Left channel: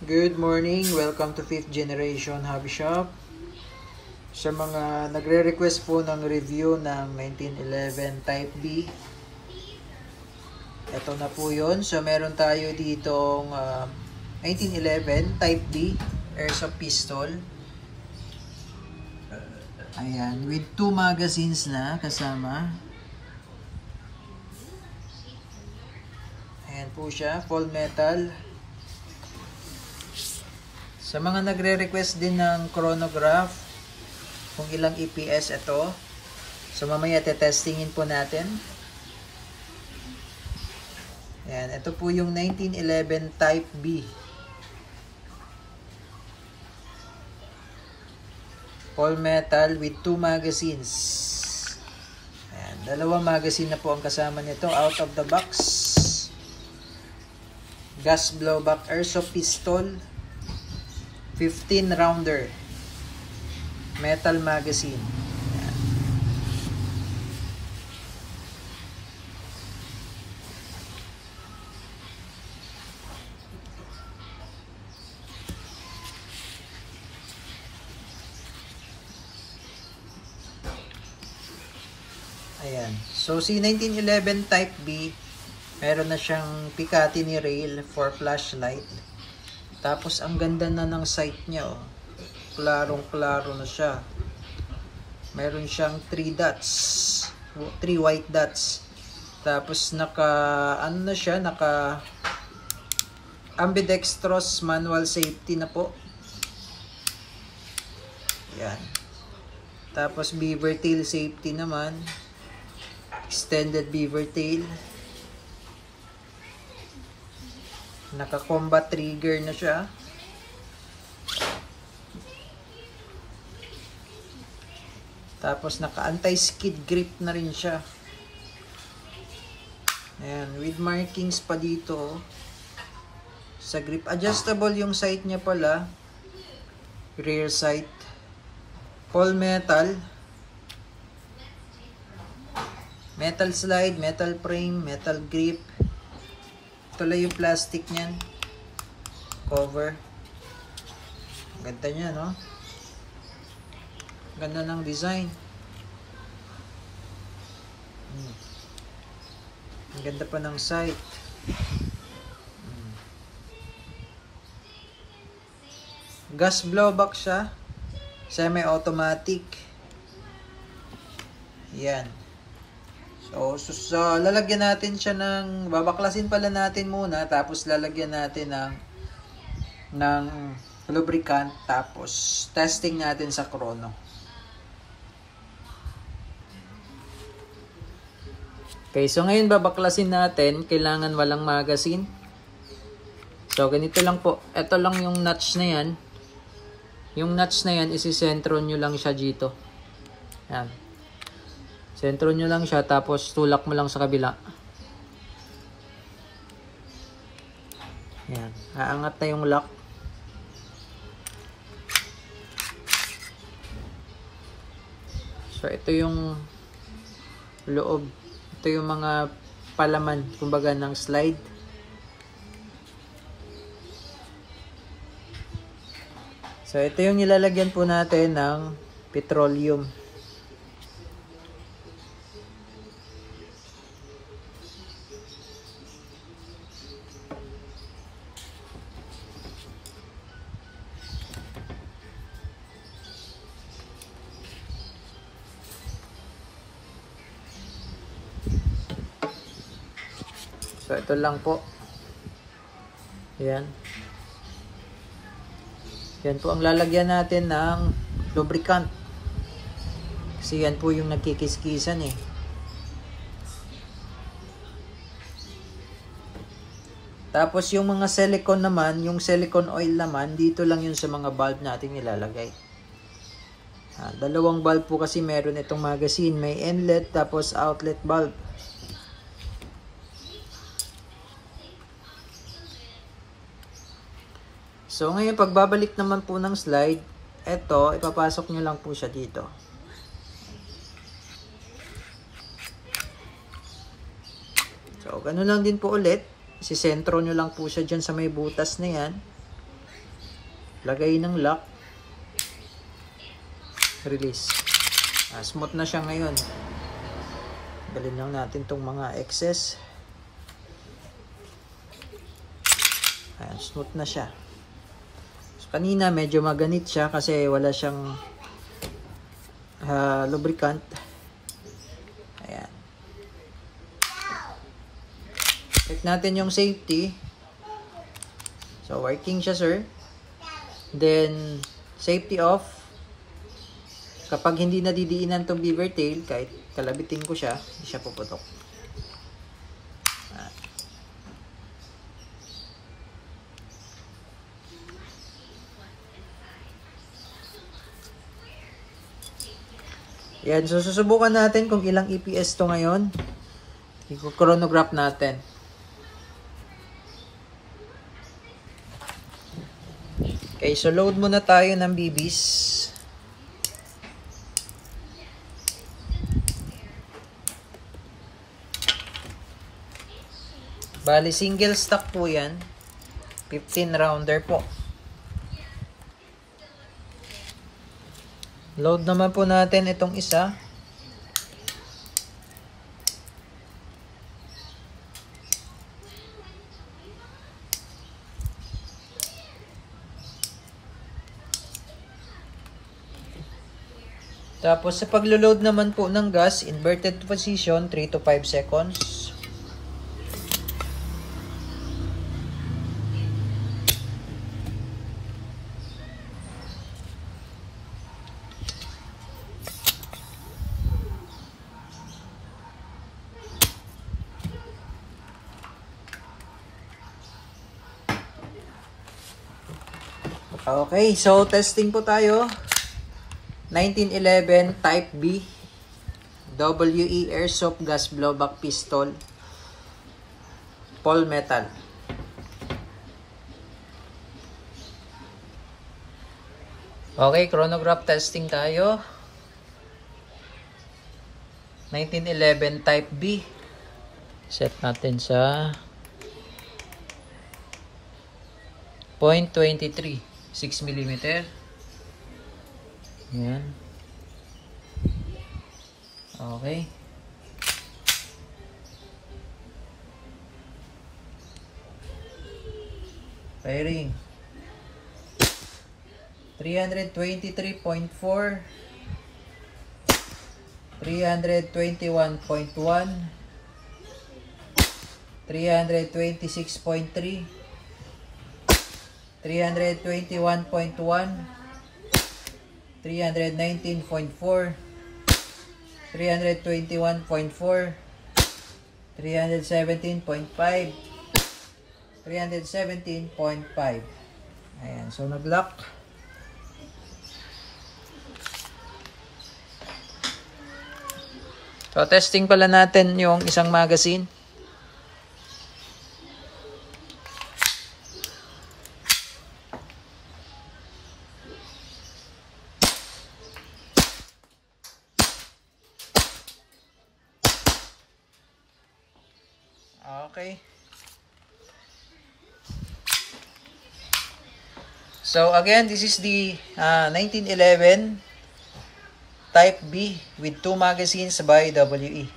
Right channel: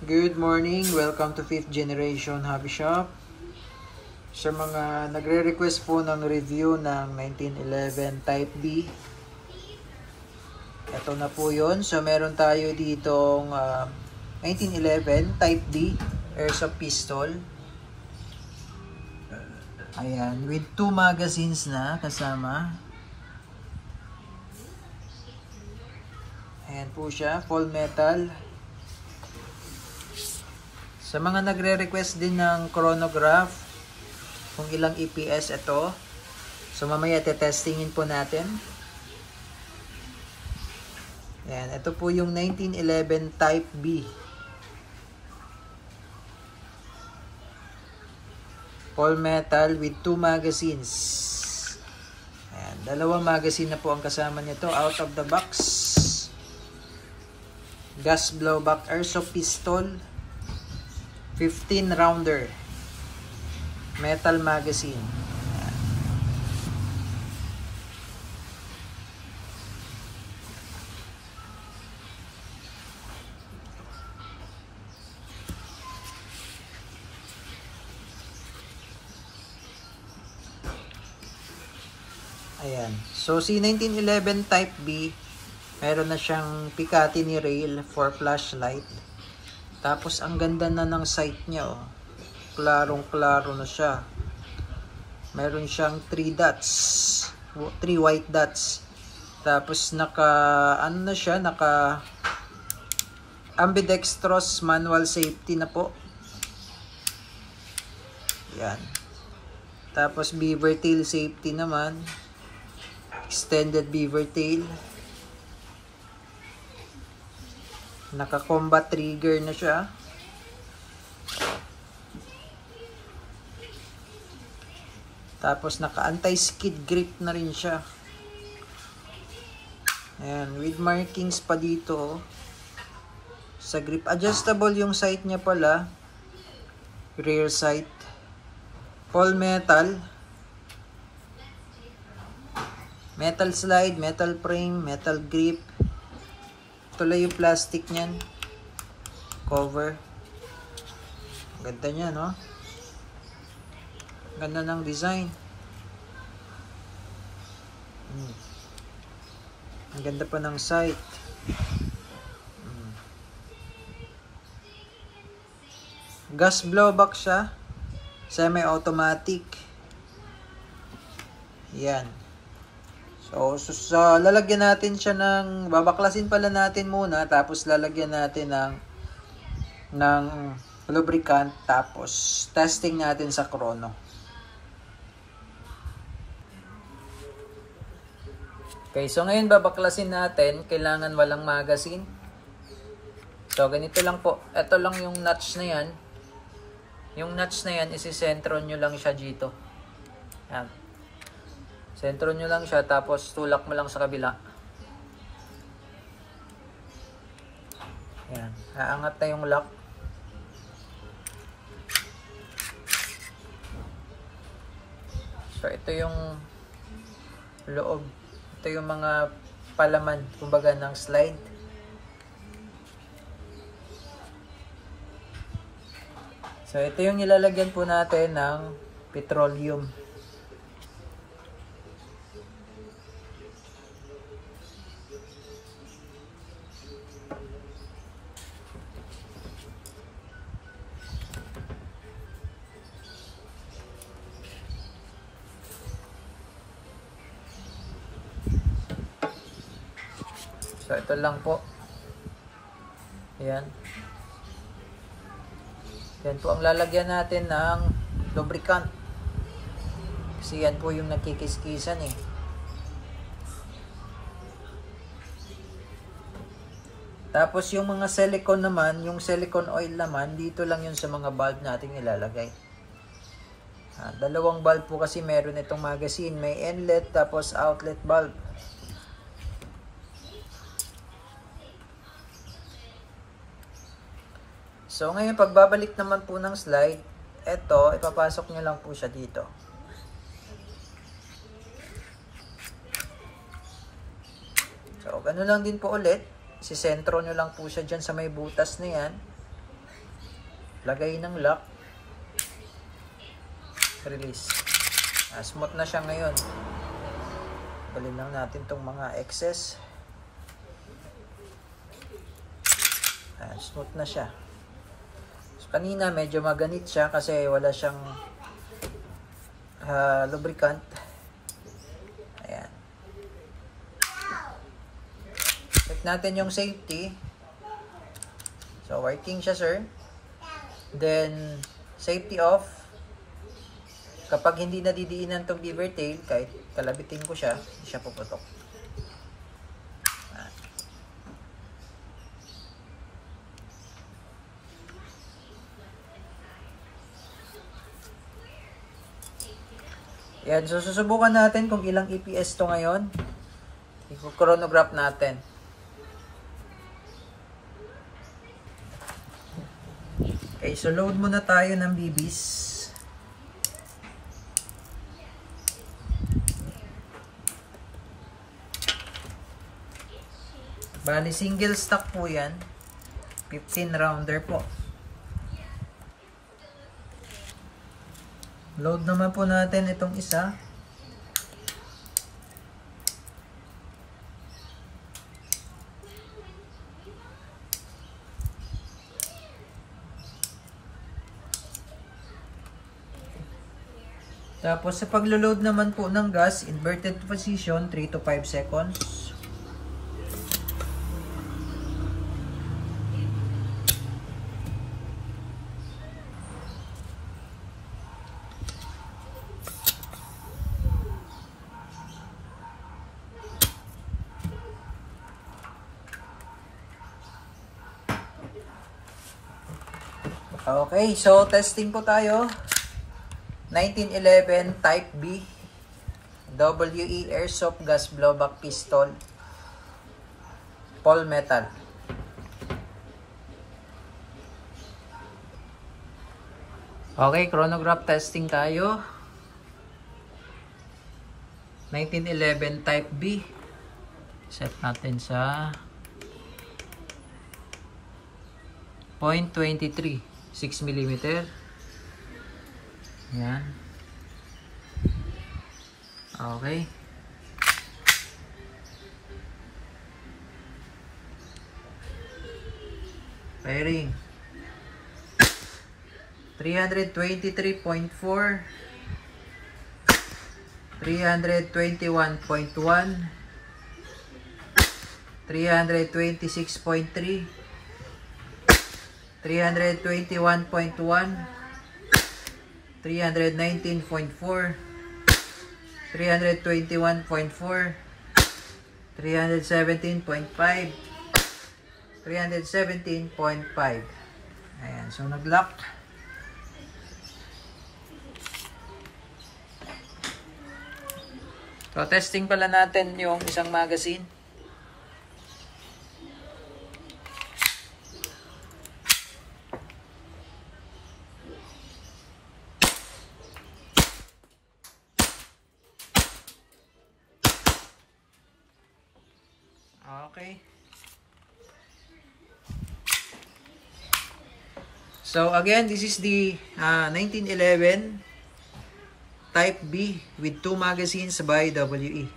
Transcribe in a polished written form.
Good morning, welcome to 5th Generation Hobby Shop. Sa mga nagre-request po ng review ng 1911 Type B, ito na po yun. So meron tayo ditong 1911 Type B Airsoft Pistol. Ayan, with 2 magazines na kasama. Ayan po siya, full metal. Sa mga nagre-request din ng chronograph, kung ilang EPS ito. So mamaya testingin po natin. Ayan, ito po yung 1911 Type B. Full metal with 2 magazines. Ayan, 2 magazine na po ang kasama nito out of the box. Gas blowback airsoft pistol. 15 rounder metal magazine. Ayan. So si 1911 Type B, meron na siyang Picatinny rail for flashlight. Tapos ang ganda na ng sight niya, oh. Klarong-klaro na siya. Meron siyang 3 dots, 3 white dots. Tapos naka ambidextrous manual safety na po. Yan. Tapos beaver tail safety naman. Extended beaver tail. Naka-combat trigger na siya. Tapos naka-anti-skid grip na rin siya. Ayan, with markings pa dito. Sa grip, adjustable yung sight niya pala. Rear sight. Full metal. Metal slide, metal frame, metal grip. Tuloy yung plastic niyan. Cover. Ganda niya, no? Ganda ng design. Ang ganda pa ng sight. Gas blowback siya. Semi-automatic. Yan. So, lalagyan natin siya ng, babaklasin pala natin muna, tapos lalagyan natin ng lubricant, tapos testing natin sa chrono. Okay, so ngayon babaklasin natin, kailangan walang magazine. So, ganito lang po. Ito lang yung notch na yan. Yung notch na yan, isisentro nyo lang siya dito. Yan. Sentro nyo lang siya, tapos tulak mo lang sa kabila. Yan. Aangat na yung lock. So, ito yung loob. Ito yung mga palaman, kumbaga, ng slide. So, ito yung ilalagyan po natin ng petroleum. So, ito lang po. Ayan. Yan po ang lalagyan natin ng lubricant. Kasi yan po yung nagkikiskisan eh. Tapos yung mga silicone naman, yung silicone oil naman, dito lang yun sa mga bulb natin ilalagay. Dalawang bulb po kasi meron itong magazine. May inlet tapos outlet bulb. So ngayon pagbabalik naman po ng slide, ito ipapasok nyo lang po siya dito. So ganun lang din po ulit. Sisentro nyo lang po siya dyan sa may butas na yan. Lagay ng lock. Release. Smooth na siya ngayon. Balin lang natin tong mga excess. Ayan, smooth na siya. So, kanina medyo maganit siya kasi wala siyang lubricant. Ayan. Check natin yung safety. So, working siya, sir. Then, safety off. Kapag hindi nadidiinan tong beaver tail, kahit kalabitin ko siya, hindi siya puputok. Yan, so susubukan natin kung ilang EPS to ngayon. I-chronograph natin. Okay, so load muna tayo ng BBs. Bali, single stack po yan. 15 rounder po. Load naman po natin itong isa. Tapos sa paglo-load naman po ng gas, inverted position, 3 to 5 seconds. Okay, so testing po tayo. 1911 Type B WE Airsoft Gas Blowback Pistol Paul Metal. Okay, chronograph testing tayo. 1911 Type B. Set natin sa 0.23 6 mm. Yan. Okay. Firing. 323.4 321.1 326.3 321.1 319.4 321.4 317.5 317.5. Ayan, so nag-lock. So testing pala natin yung isang magazine. Okay. So again, this is the 1911 Type B with 2 magazines by WE.